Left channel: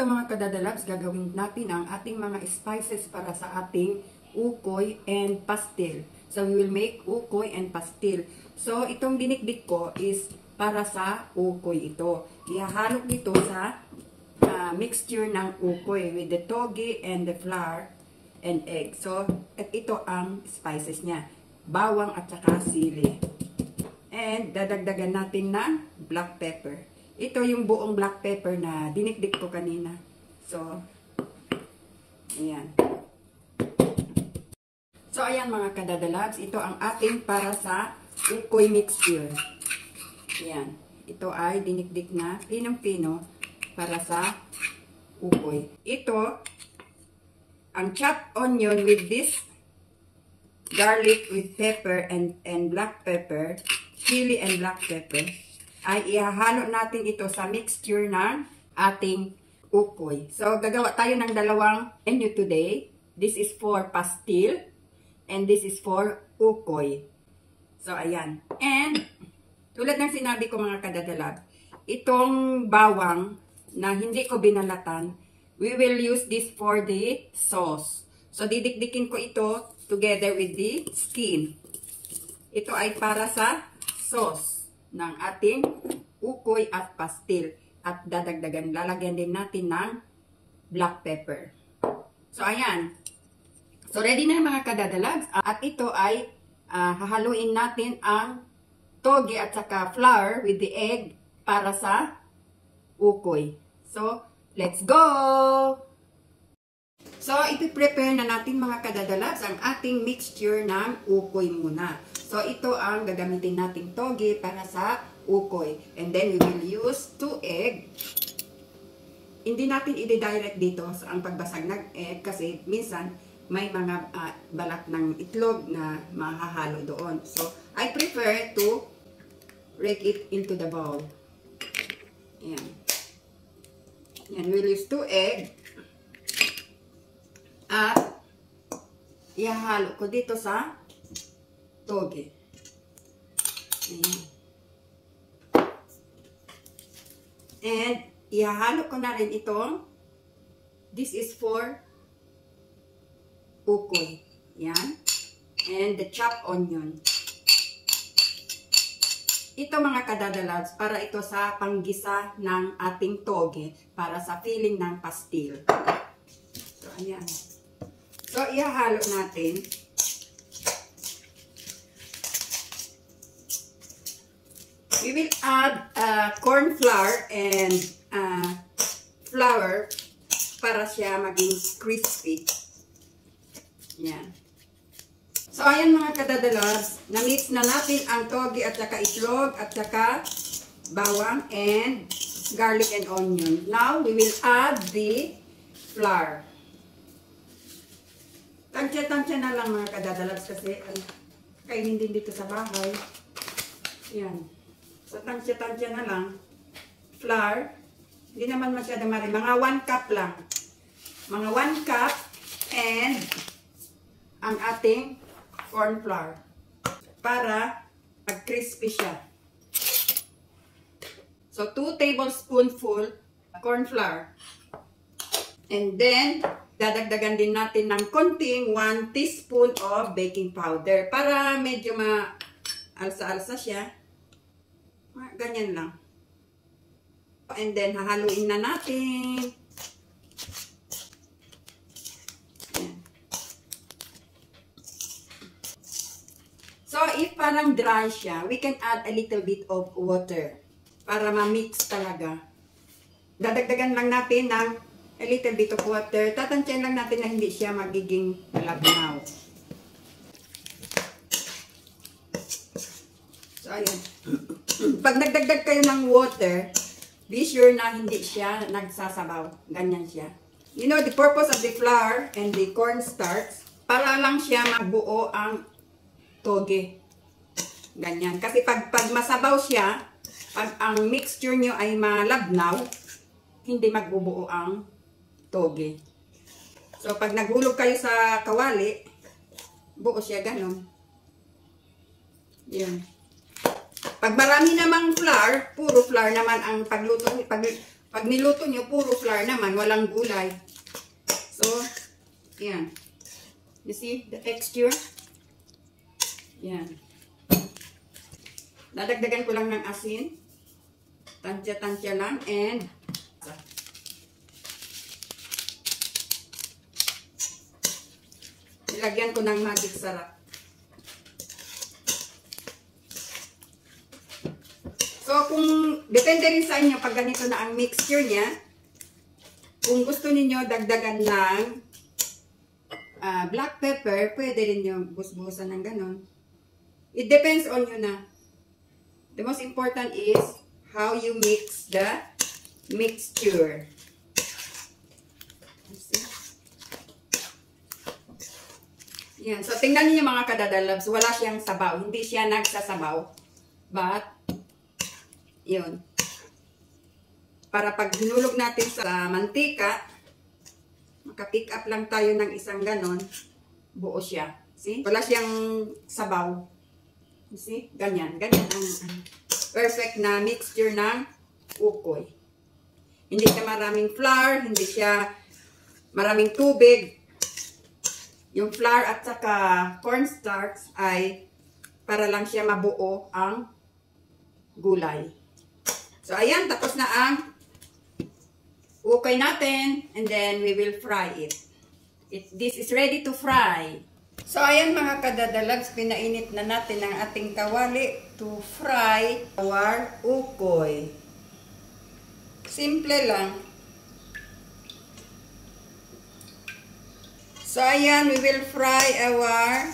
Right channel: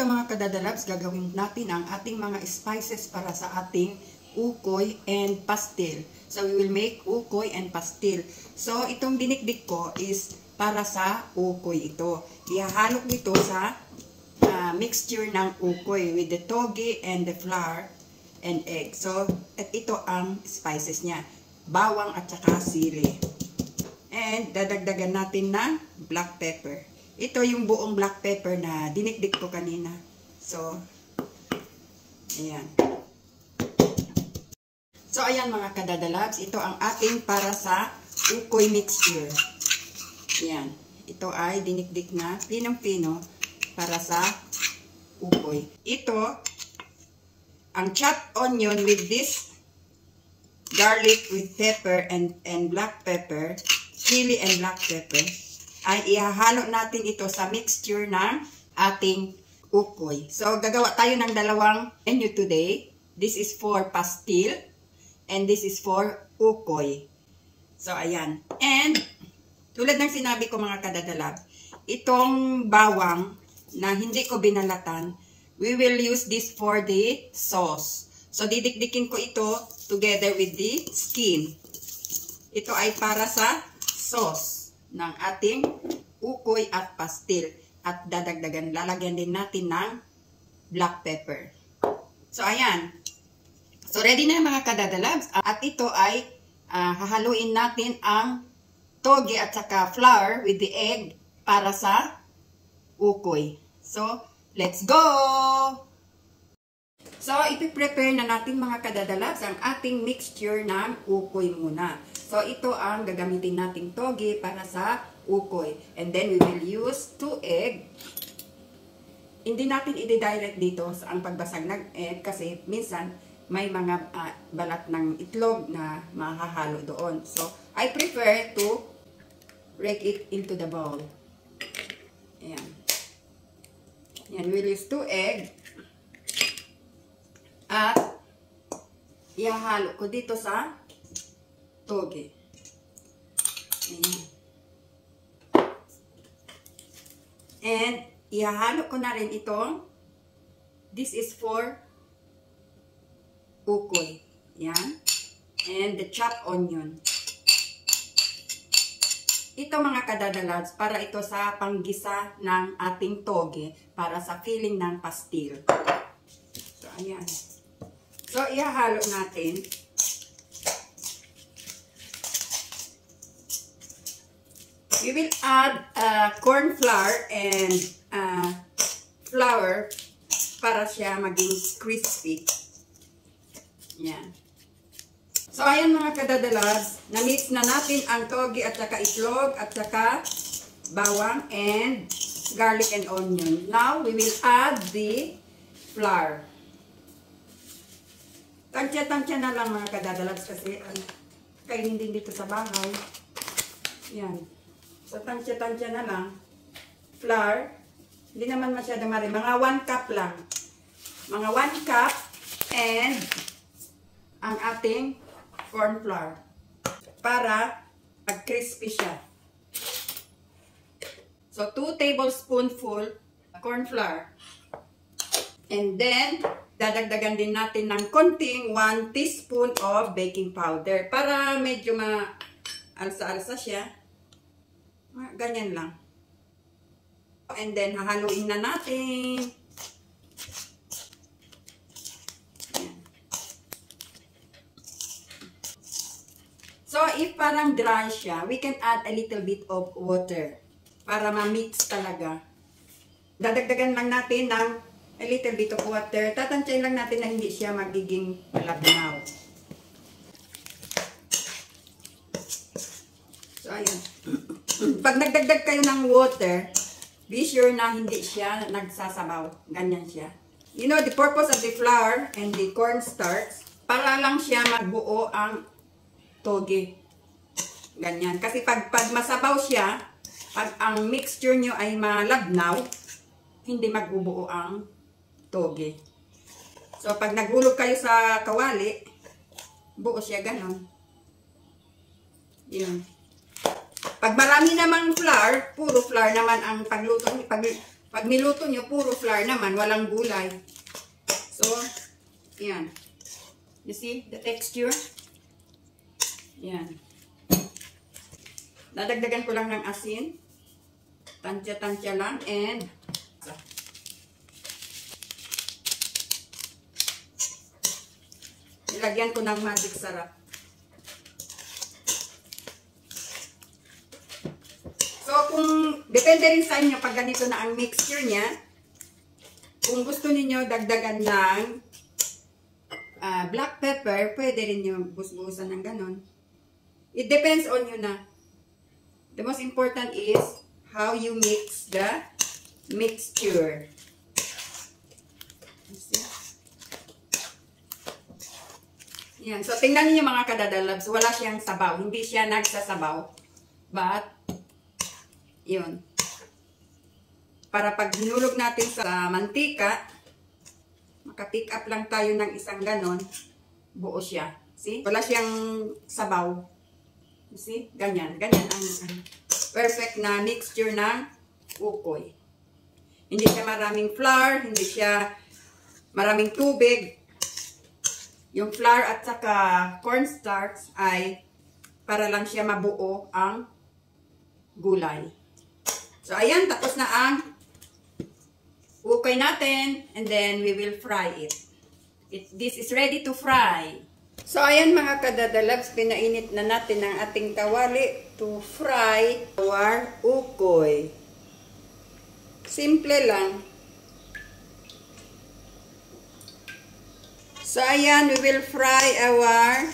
ito mga kadadalabs, gagawin natin ang ating mga spices para sa ating ukoy and pastil. So we will make ukoy and pastil. So itong dinikdik ko is para sa ukoy ito. Ihahalo nito sa mixture ng ukoy with the toge and the flour and egg. So at ito ang spices niya. Bawang at saka sili. And dadagdagan natin ng black pepper. Ito yung buong black pepper na dinikdik ko kanina. So, ayan. So, ayan mga kadadalabs. Ito ang ating para sa ukoy mixture. Ayan. Ito ay dinikdik na pinong-pino para sa ukoy. Ito, ang chopped onion with this garlic with pepper and black pepper, chili and black pepper, ay ihahalo natin ito sa mixture ng ating ukoy. So, gagawa tayo ng dalawang menu today. This is for pastil and this is for ukoy. So, ayan. And, tulad ng sinabi ko mga kadadalab, itong bawang na hindi ko binalatan, we will use this for the sauce. So, didikdikin ko ito together with the skin. Ito ay para sa sauce ng ating ukoy at pastil. At lalagyan din natin ng black pepper. So, ayan. So, ready na yung mga kadadalabs. At ito ay hahaluin natin ang toge at saka flour with the egg para sa ukoy. So, let's go! So, ipiprepare na natin mga kadadalabs ang ating mixture ng ukoy muna. So, ito ang gagamitin nating toge para sa ukoy. And then, we will use 2 egg. Hindi natin i-direct dito sa ang pagbasag ng egg kasi minsan may mga balat ng itlog na mahahalo doon. So, I prefer to rake it into the bowl. Ayan. Ayan, we'll use 2 egg. At, ihahalo ko dito sa toge. Ayan. And, ihahalo ko na rin itong, this is for ukoy. Ayan. And the chopped onion. Ito mga kadadalabs, para ito sa panggisa ng ating toge, para sa filling ng pastil. So, ayan. So, ihahalo natin. We will add corn flour and flour para siya maging crispy. Yan. So, ayan mga kadadalabs, na-mix na natin ang toge at saka itlog at saka bawang and garlic and onion. Now, we will add the flour. Tansya-tansya na lang mga kadadalabs kasi kainin din dito sa bahay. Yan. So, tansya-tansya na lang. Flour. Hindi naman masyadong marami. Mga 1 cup lang. Mga 1 cup and ang ating corn flour. Para mag-crispy siya. So, 2 tablespoonful corn flour. And then, dadagdagan din natin ng konting 1 teaspoon of baking powder. Para medyo ma-alsa-alsa siya. Ganyan lang. And then, hahaluin na natin. So, if parang dry siya, we can add a little bit of water. Para ma-mix talaga. Dadagdagan lang natin ng a little bit of water. Tatansyahin lang natin na hindi siya magiging malabnaw. So, ayan. Pag nagdagdag kayo ng water, be sure na hindi siya nagsasabaw. Ganyan siya. You know, the purpose of the flour and the cornstarch, para lang siya magbuo ang toge. Ganyan. Kasi pag masabaw siya, pag ang mixture nyo ay malabnaw, hindi magbubuo ang toge. So, pag naghulog kayo sa kawali, buo siya ganon. Yun. Pag marami namang flour, puro flour naman ang pagluto, Pag niluto nyo, puro flour naman, walang gulay. So, yan. You see the texture? Yan. Dadagdagan ko lang ng asin. Tansya-tansya lang. And, nilagyan ko ng magic sarap. So, kung depende rin sa inyo pag ganito na ang mixture niya, kung gusto niyo dagdagan ng black pepper, pwede rin yung busbusan ng ganon. It depends on you na. The most important is how you mix the mixture. Yan. So, tingnan niyo mga kadadalabs, wala siyang sabaw. Hindi siya nagsasabaw. But, yun. Para pag hinulog natin sa mantika, maka-pick up lang tayo ng isang ganon, buo siya. See? Wala siyang sabaw. See? Ganyan. Ganyan ang perfect na mixture ng ukoy. Hindi siya maraming flour, hindi siya maraming tubig. Yung flour at saka cornstarch ay para lang siya mabuo ang gulay. So, ayan, tapos na ang ukoy natin. And then, we will fry it. This is ready to fry. So, ayan mga kadadalabs, pinainit na natin ang ating kawali to fry our ukoy. Simple lang. So, ayan, we will fry our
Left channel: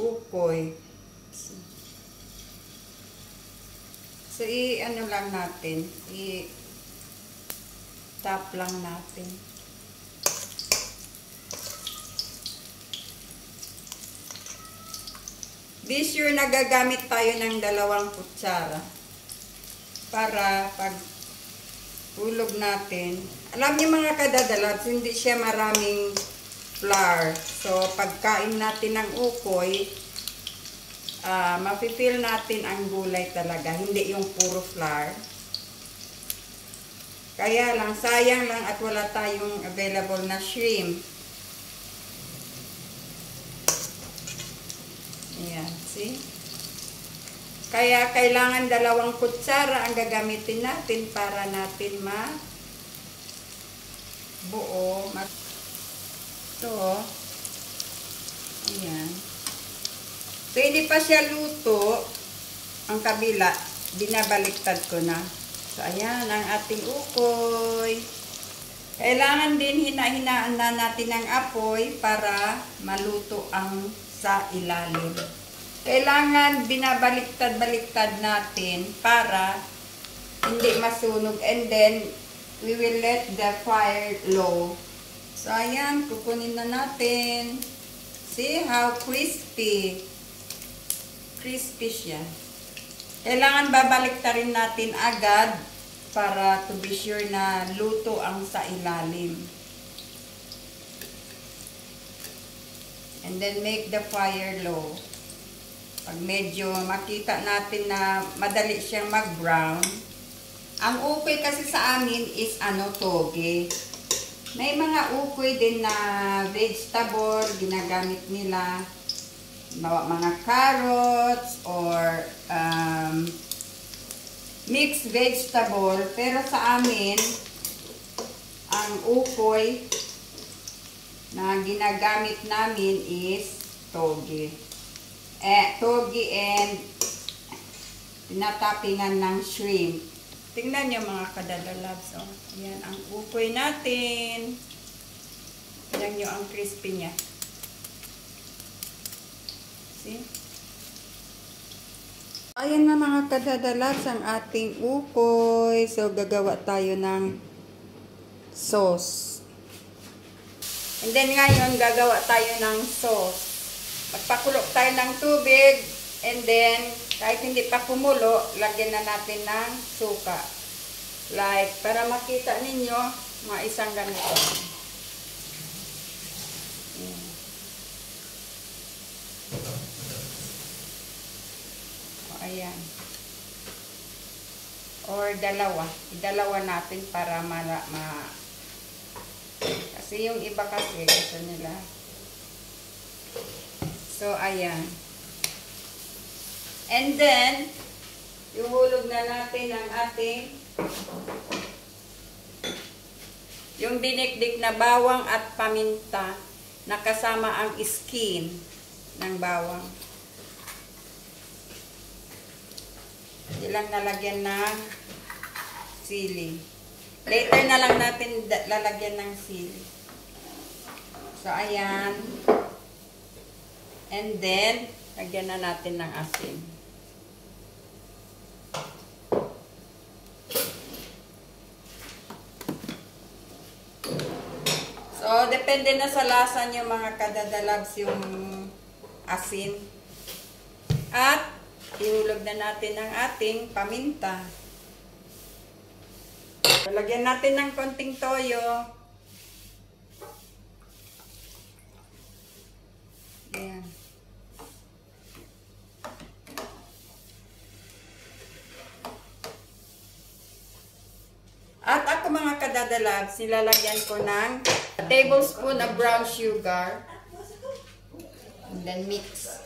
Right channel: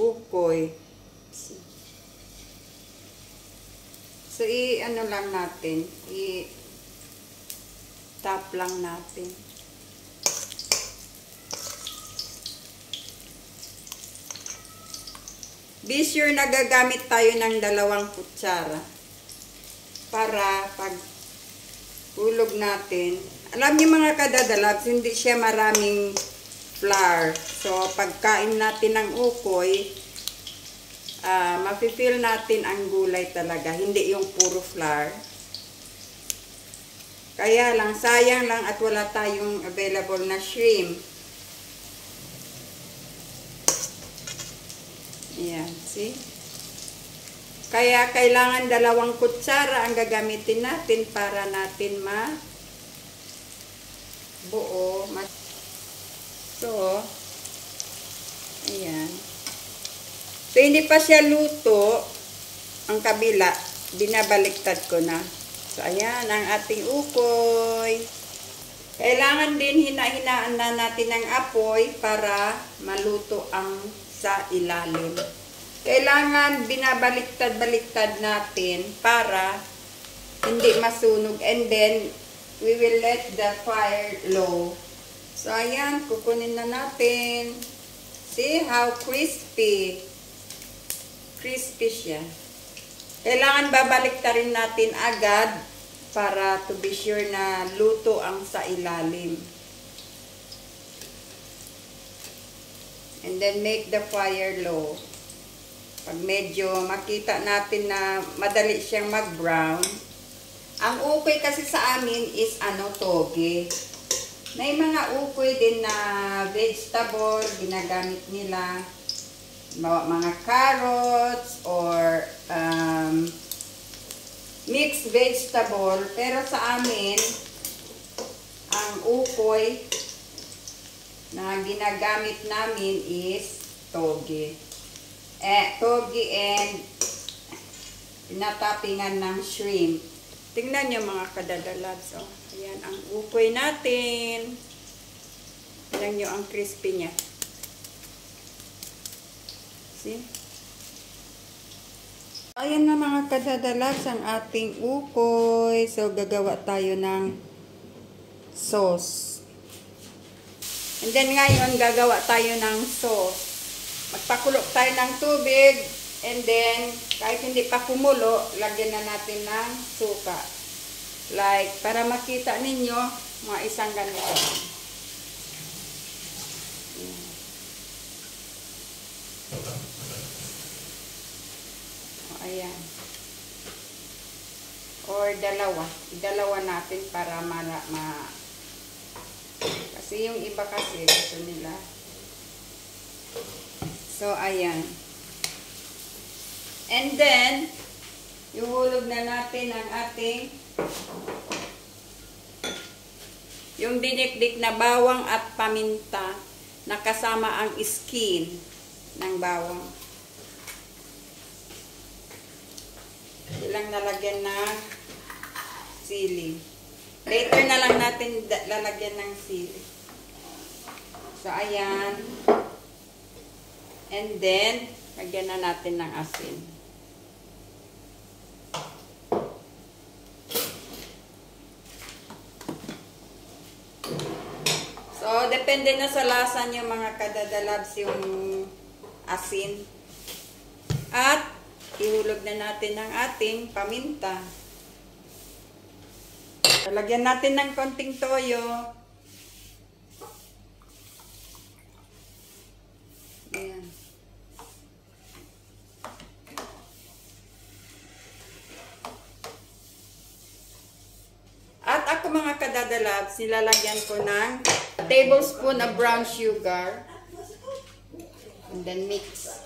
ukoy. So, i-ano lang natin. I-tap lang natin. Be sure na gagamit tayo ng 2 kutsara. Para pag hulog natin. Alam niyo mga kadadalabs, hindi siya maraming flour. So, pagkain natin ng ukoy, mafe-feel natin ang gulay talaga, hindi yung puro flour. Kaya lang, sayang lang at wala tayong available na shrimp. Ayan, see? Kaya kailangan 2 kutsara ang gagamitin natin para natin buo. So, ayan. So, hindi pa siya luto, ang kabila, binabaliktad ko na. So, ayan, ang ating ukoy. Kailangan din hina-hinaan na natin ang apoy para maluto ang sa ilalim. Kailangan binabaliktad-baliktad natin para hindi masunog. And then, we will let the fire low. So, ayan, kukunin na natin. See how crispy. Crispy siya. Kailangan babaliktarin natin agad para to be sure na luto ang sa ilalim. And then make the fire low. Pag medyo makita natin na madali siyang mag-brown. Ang ukoy kasi sa amin is toge. May mga ukoy din na vegetable ginagamit nila. Mga carrots or mixed vegetable. Pero sa amin, ang ukoy na ginagamit namin is toge. Toge and tinatapingan ng shrimp. Tingnan nyo mga kadadalabs. Oh. Ayan ang ukoy natin. Tingnan nyo ang crispy niya. See? Ayan na mga kadadalabs ang ating ukoy. So, gagawa tayo ng sauce. And then ngayon, gagawa tayo ng sauce. Magpakulok tayo ng tubig. And then, kahit hindi pa kumulo, lagyan na natin ng suka. Like, para makita ninyo, mga isang ganito. Ayan. Or or dalawa. Idalawa natin para kasi yung iba kasi gusto nila. So, ayan. And then, ihulog na natin ang ating yung dinikdik na bawang at paminta na kasama ang skin ng bawang. Ilang nalagyan ng sili. Later na lang natin lalagyan ng sili. So, ayan. And then, lagyan na natin ng asin. So, depende na sa lasa nyo mga kadadalabs yung asin. At, ihulog na natin ang ating paminta. Lagyan natin ng konting toyo. Ayan. At ako mga kadadalabs, nilalagyan ko ng tablespoon of brown sugar. And then mix.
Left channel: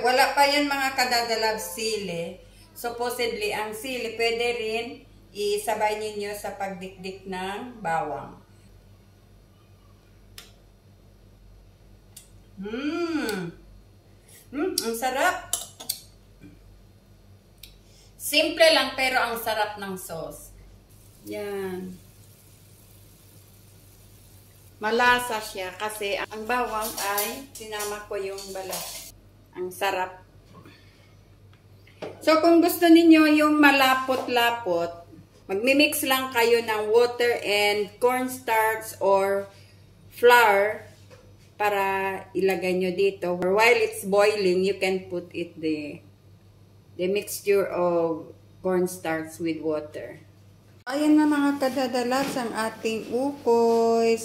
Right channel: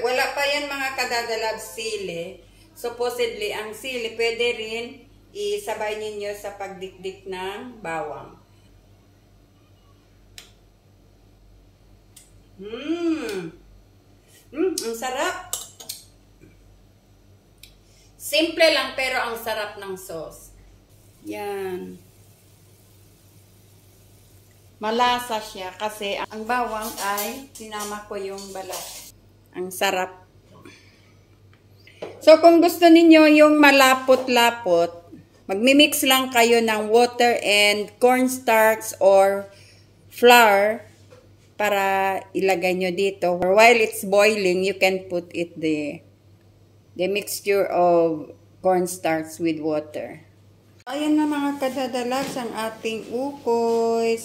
Wala pa yan mga kadadalabs sili. Supposedly, ang sili pwede rin isabay ninyo sa pagdikdik ng bawang. Ang sarap. Simple lang pero ang sarap ng sauce. Yan. Malasa siya kasi ang bawang ay sinama ko yung balat. Ang sarap. So kung gusto ninyo yung malapot-lapot, magmi-mix lang kayo ng water and cornstarch or flour para ilagay nyo dito. Or while it's boiling, you can put it the mixture of cornstarch with water. Ayan na mga kadadalabs ang ating ukoy.